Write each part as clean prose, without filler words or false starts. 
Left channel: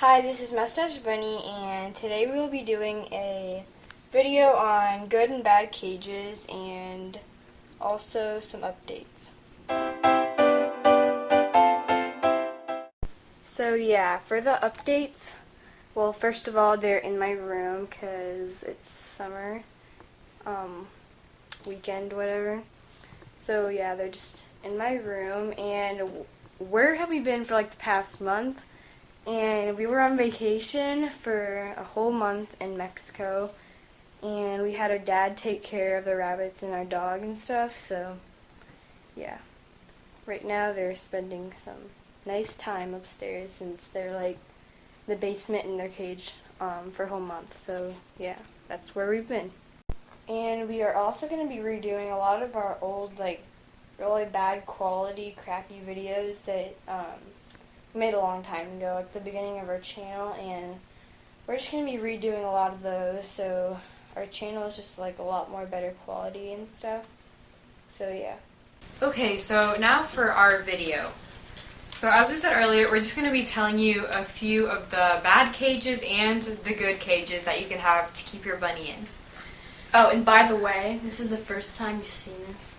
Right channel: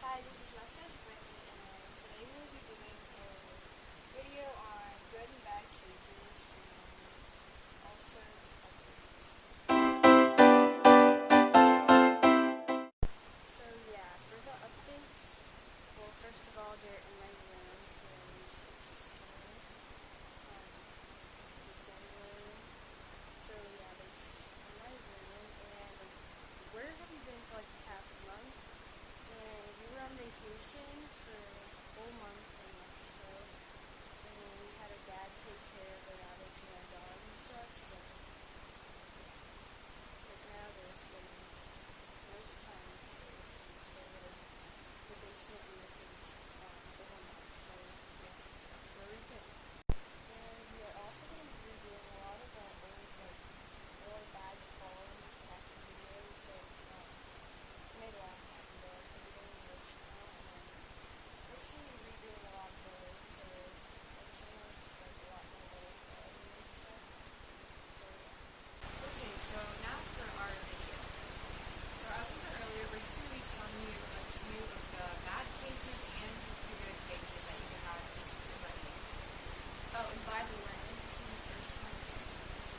Hi, this is Mustache Bunny, and today we will be doing a video on good and bad cages and also some updates. So yeah, for the updates, well, first of all, they're in my room because it's summer, weekend, whatever. So yeah, they're just in my room, and where have we been for like the past month? And we were on vacation for a whole month in Mexico, and we had our dad take care of the rabbits and our dog and stuff, so yeah. Right now they're spending some nice time upstairs since they're like the basement in their cage for a whole month, so yeah, that's where we've been. And we are also going to be redoing a lot of our old, like, really bad quality, crappy videos that made a long time ago, like the beginning of our channel, and we're just going to be redoing a lot of those, so our channel is just like a lot more better quality and stuff, so yeah. Okay, so now for our video. So as we said earlier, we're just going to be telling you a few of the bad cages and the good cages that you can have to keep your bunny in. Oh, and by the way, this is the first time you've seen this.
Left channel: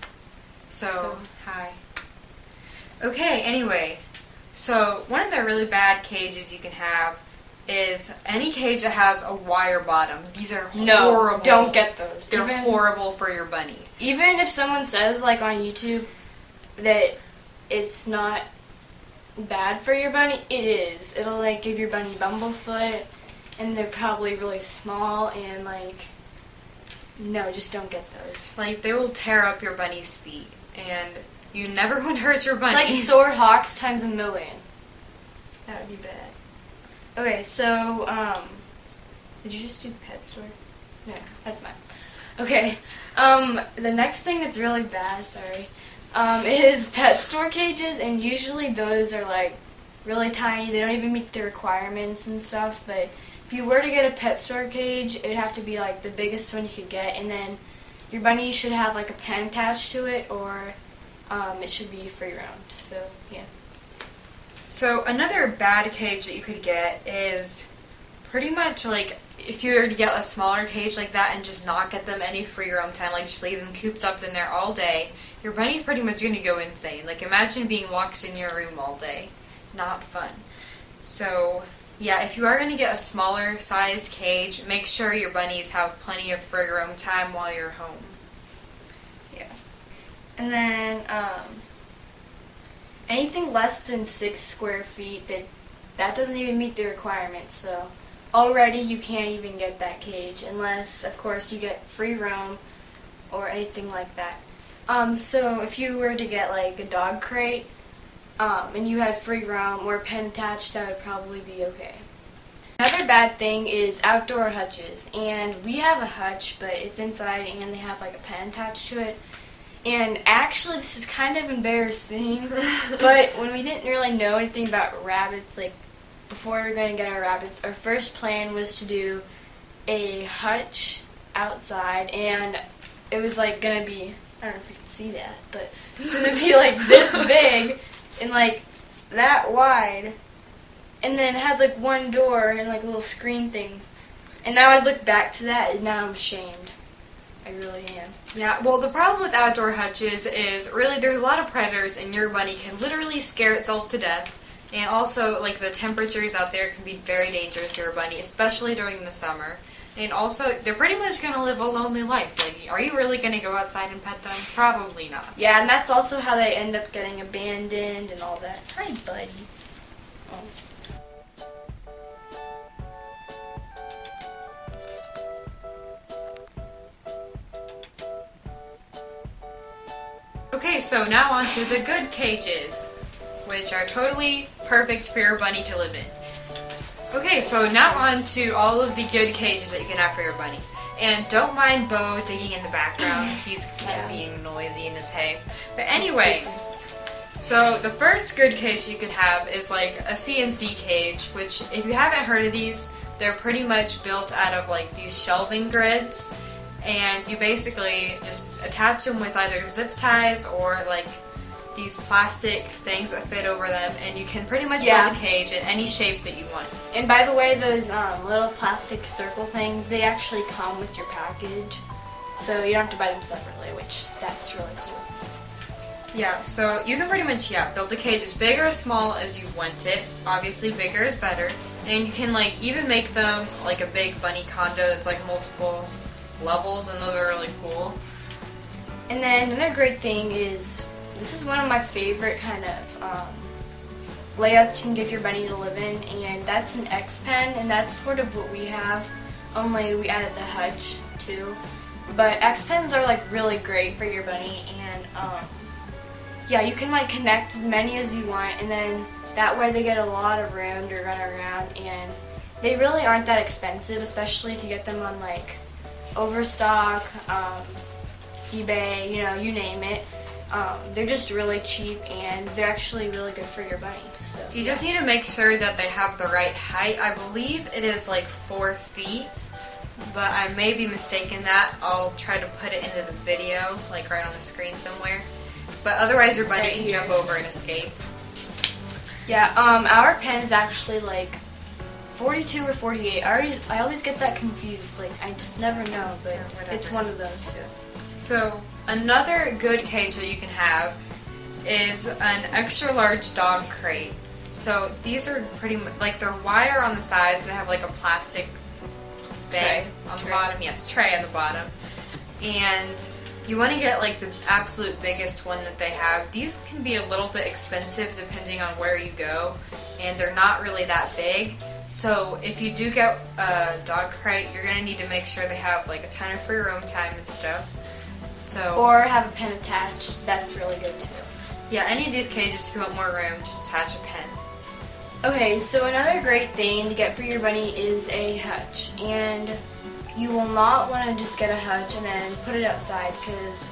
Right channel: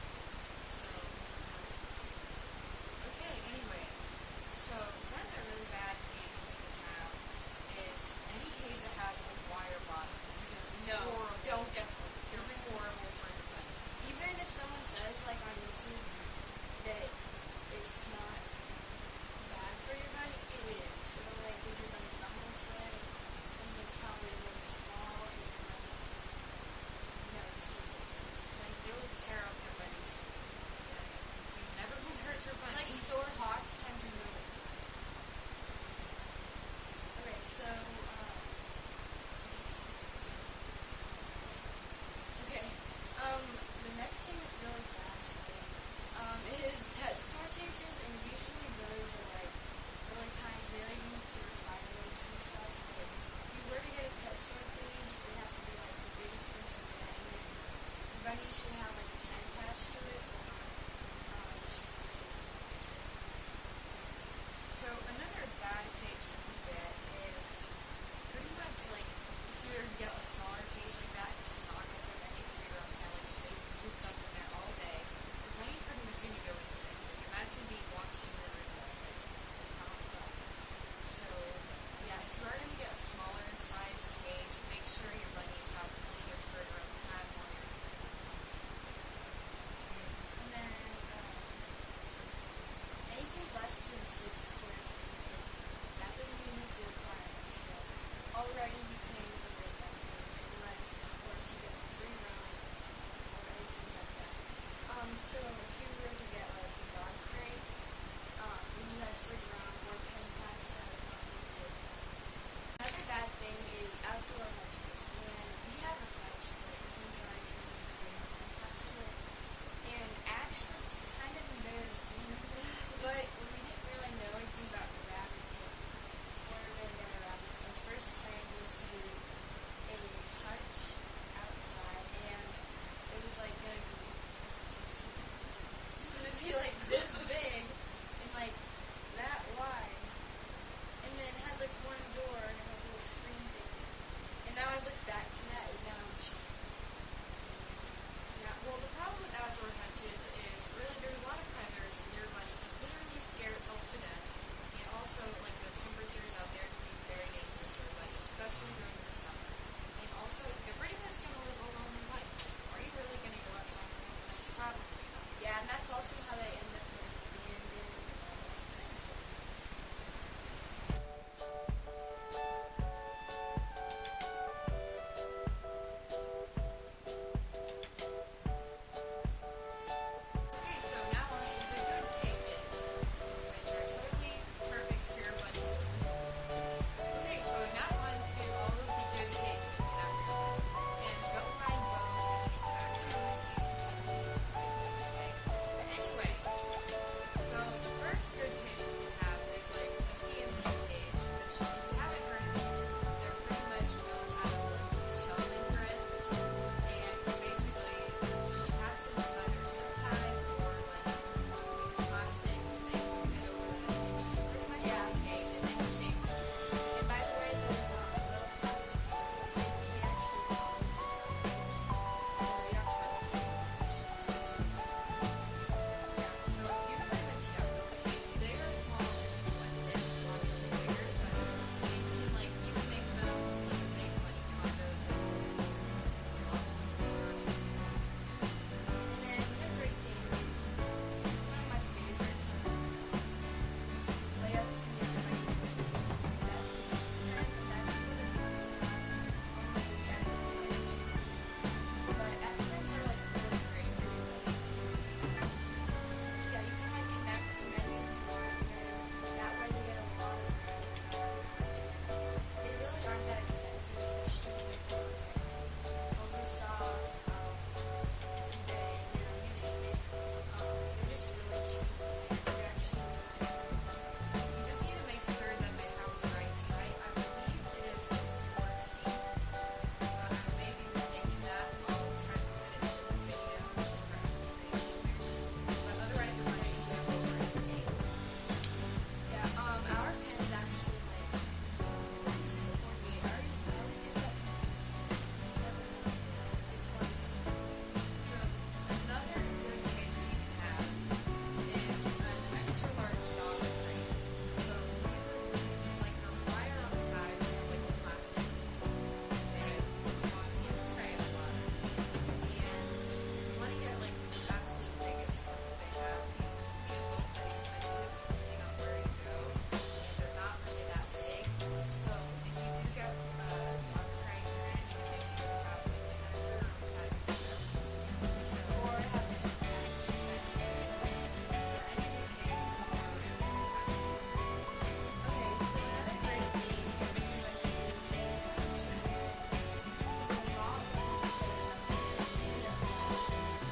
So hi. Okay, anyway. So, one of the really bad cages you can have is any cage that has a wire bottom. These are horrible. No, don't get those. They're horrible for your bunny. Even if someone says, like on YouTube, that it's not bad for your bunny, it is. It'll, like, give your bunny bumblefoot, and they're probably really small, and, like, no, just don't get those. Like, they will tear up your bunny's feet, and you never want to hurt your bunny. It's like sore hawks times a million. That would be bad. Okay, so, did you just do pet store? No, that's mine. Okay, the next thing that's really bad, is pet store cages, and usually those are, like, really tiny. They don't even meet the requirements and stuff, but if you were to get a pet store cage, it would have to be, like, the biggest one you could get, and then your bunny should have, like, a pen attached to it, or it should be free roamed, so yeah. So another bad cage that you could get is pretty much like if you were to get a smaller cage like that and just not get them any free roam time, like just leave them cooped up in there all day, your bunny's pretty much going to go insane. Like imagine being locked in your room all day. Not fun. So yeah, if you are going to get a smaller sized cage, make sure your bunnies have plenty of free roam time while you're home. And then, anything less than 6 square feet, that doesn't even meet the requirements, so already you can't even get that cage, unless, of course, you get free roam or anything like that. So if you were to get, like, a dog crate, and you had free roam or a pen attached, that would probably be okay. Another bad thing is outdoor hutches, and we have a hutch, but it's inside and they have, like, a pen attached to it. And actually, this is kind of embarrassing, but when we didn't really know anything about rabbits, like, before we were going to get our rabbits, our first plan was to do a hutch outside, and it was, like, going to be, I don't know if you can see that, but it's going to be, like, this big and, like, that wide, and then it had, like, one door and, like, a little screen thing. And now I look back to that, and now I'm ashamed. I really am. Yeah, well the problem with outdoor hutches is really there's a lot of predators and your bunny can literally scare itself to death. And also, like, the temperatures out there can be very dangerous to your bunny, especially during the summer. And also, they're pretty much going to live a lonely life. Like, are you really going to go outside and pet them? Probably not. Yeah, and that's also how they end up getting abandoned and all that. Hi, buddy. Oh. Okay, so now on to the good cages, which are totally perfect for your bunny to live in. Okay, so now on to all of the good cages that you can have for your bunny. And don't mind Bo digging in the background, he's kind of being noisy in his hay. But anyway, so the first good cage you can have is like a CNC cage, which if you haven't heard of these, they're pretty much built out of like these shelving grids. And you basically just attach them with either zip ties or like these plastic things that fit over them, and you can pretty much build a cage in any shape that you want. And by the way, those little plastic circle things, they actually come with your package. So you don't have to buy them separately, which that's really cool. Yeah, so you can pretty much, build the cage as big or as small as you want it. Obviously, bigger is better. And you can, like, even make them like a big bunny condo that's, like, multiple levels, and those are really cool. And then another great thing is, this is one of my favorite kind of layouts you can give your bunny to live in, and that's an X-Pen, and that's sort of what we have, only we added the hutch too. But X-Pens are, like, really great for your bunny, and yeah, you can, like, connect as many as you want, and then that way they get a lot of room to run around, and they really aren't that expensive, especially if you get them on, like, Overstock, eBay, you know, you name it. They're just really cheap, and they're actually really good for your bunny. So You just need to make sure that they have the right height. I believe it is like 4 feet, but I may be mistaken that. I'll try to put it into the video, like right on the screen somewhere. But otherwise your bunny Right can here. jump over and escape. yeah, our pen is actually like 42 or 48. I always get that confused. Like, I just never know, but whatever. it's one of those two. So another good cage that you can have is an extra large dog crate. So these are pretty much, like, they're wire on the sides. They have like a plastic bag Tray. on the Tray. bottom. Yes, tray on the bottom. And you want to get like the absolute biggest one that they have. These can be a little bit expensive depending on where you go, and they're not really that big. So if you do get a dog crate, you're going to need to make sure they have like a ton of free roam time and stuff. So Or have a pen attached. That's really good too. yeah, any of these cages, if you want more room, just attach a pen. Okay, so another great thing to get for your bunny is a hutch, and you will not want to just get a hutch and then put it outside, because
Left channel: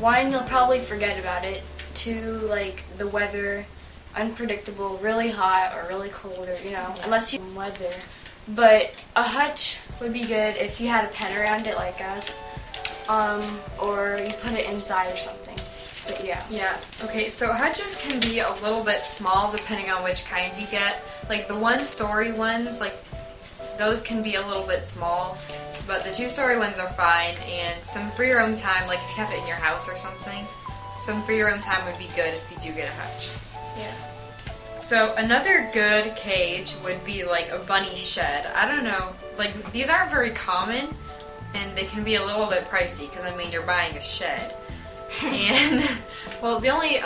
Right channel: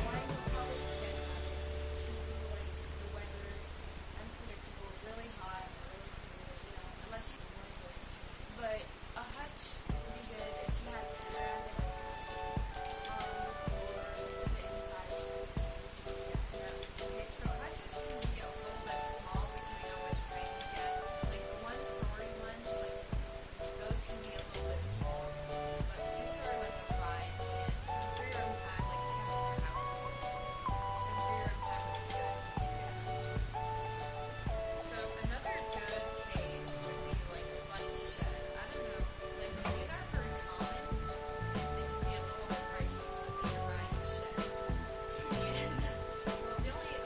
one, you'll probably forget about it, two, like, the weather, unpredictable, really hot or really cold, or, you know, unless you weather. But a hutch would be good if you had a pen around it like us, or you put it inside or something. But yeah. Yeah, okay, so hutches can be a little bit small depending on which kind you get. Like the 1-story ones, like those can be a little bit small, but the 2-story ones are fine, and some free roam time, like if you have it in your house or something, some free roam time would be good if you do get a hutch. Yeah. So another good cage would be like a bunny shed. I don't know, like these aren't very common, and they can be a little bit pricey because I mean you're buying a shed. And well, the only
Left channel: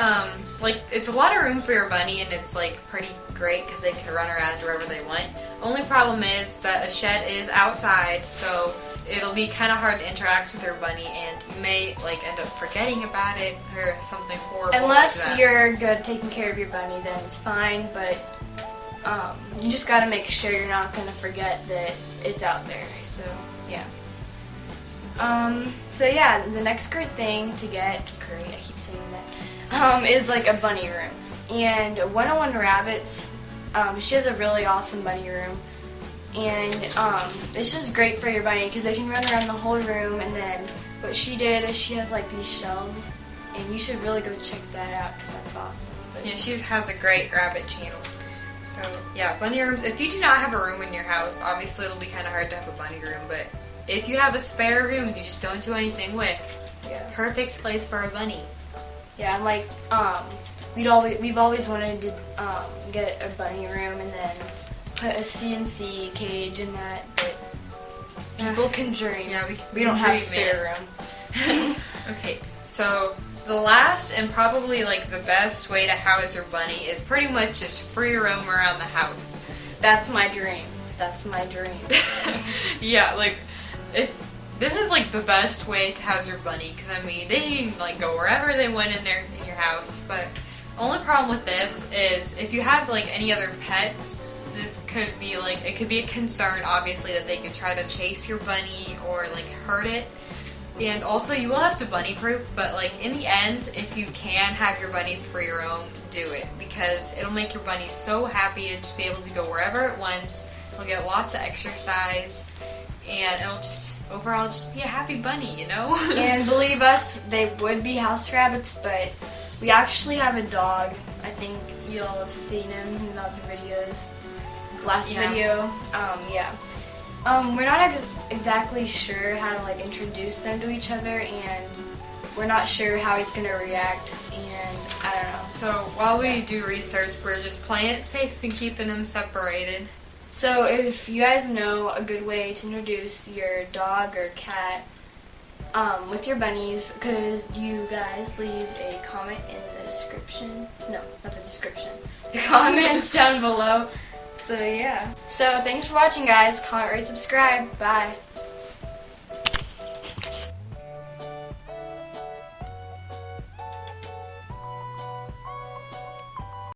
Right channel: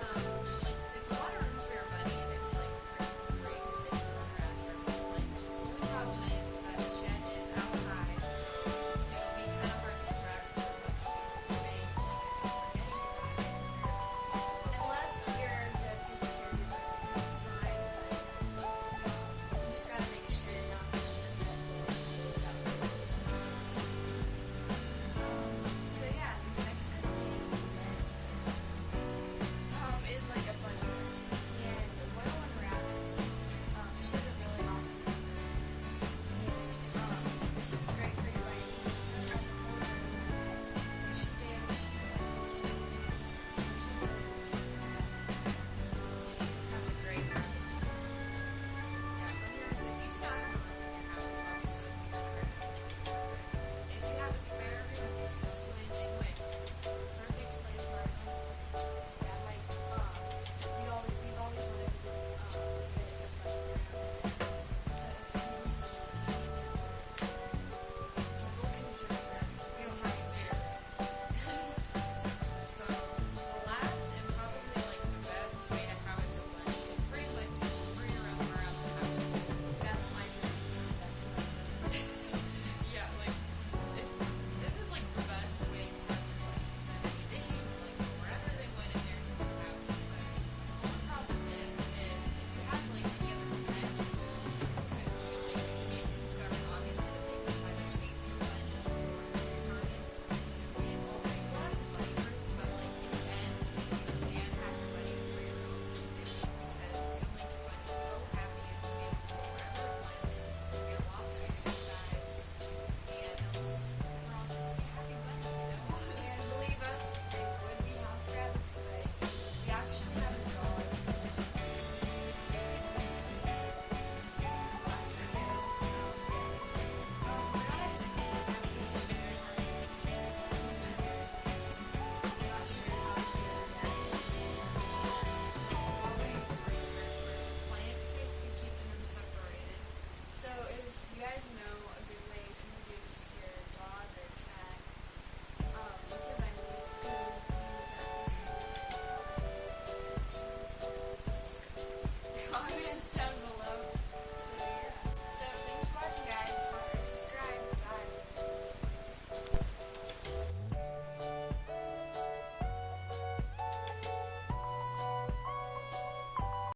like it's a lot of room for your bunny, and it's like pretty great because they can run around wherever they want. Only problem is that a shed is outside, so it'll be kind of hard to interact with your bunny, and you may like end up forgetting about it or something horrible. Unless like that. you're good taking care of your bunny, then it's fine, but you just gotta make sure you're not gonna forget that it's out there, so yeah. So yeah, the next great thing to get, I keep saying that, is like a bunny room. And 101 Rabbits, she has a really awesome bunny room, and it's just great for your bunny because they can run around the whole room. And then what she did is she has like these shelves, and you should really go check that out because that's awesome. But Yeah, she has a great rabbit channel. So yeah, bunny rooms. If you do not have a room in your house, obviously it'll be kind of hard to have a bunny room, but if you have a spare room you just don't do anything with, yeah. perfect place for a bunny. Yeah, and like, we've always wanted to get a bunny room and then put a CNC cage in that, but people can dream. Yeah, We don't have a dream, spare man. room. Okay, so the last and probably like the best way to house your bunny is pretty much just free roam around the house. That's my dream. That's my dream. Yeah, like if this is like the best way to house your bunny, because I mean they can like go wherever they want in your house. But only problem with this is if you have like any other pets, this could be like, it could be a concern obviously that they could try to chase your bunny or like hurt it. And also you will have to bunny proof, but like in the end, if you can have your bunny free roam, do it, because it'll make your bunny so happy to just be able to go wherever it wants. It'll get lots of exercise, and it'll just overall just be a happy bunny, you know? And believe us, they would be house rabbits, but we actually have a dog. I think you all have seen him in other videos. last Yeah. video. Yeah. We're not exactly sure how to like introduce them to each other, and we're not sure how he's gonna react, and I don't know. So while we do research, we're just playing it safe and keeping them separated. So if you guys know a good way to introduce your dog or cat with your bunnies, could you guys leave a comment in the description? No, not the description. The comments down below. So yeah. So thanks for watching, guys. Comment, rate, subscribe. Bye.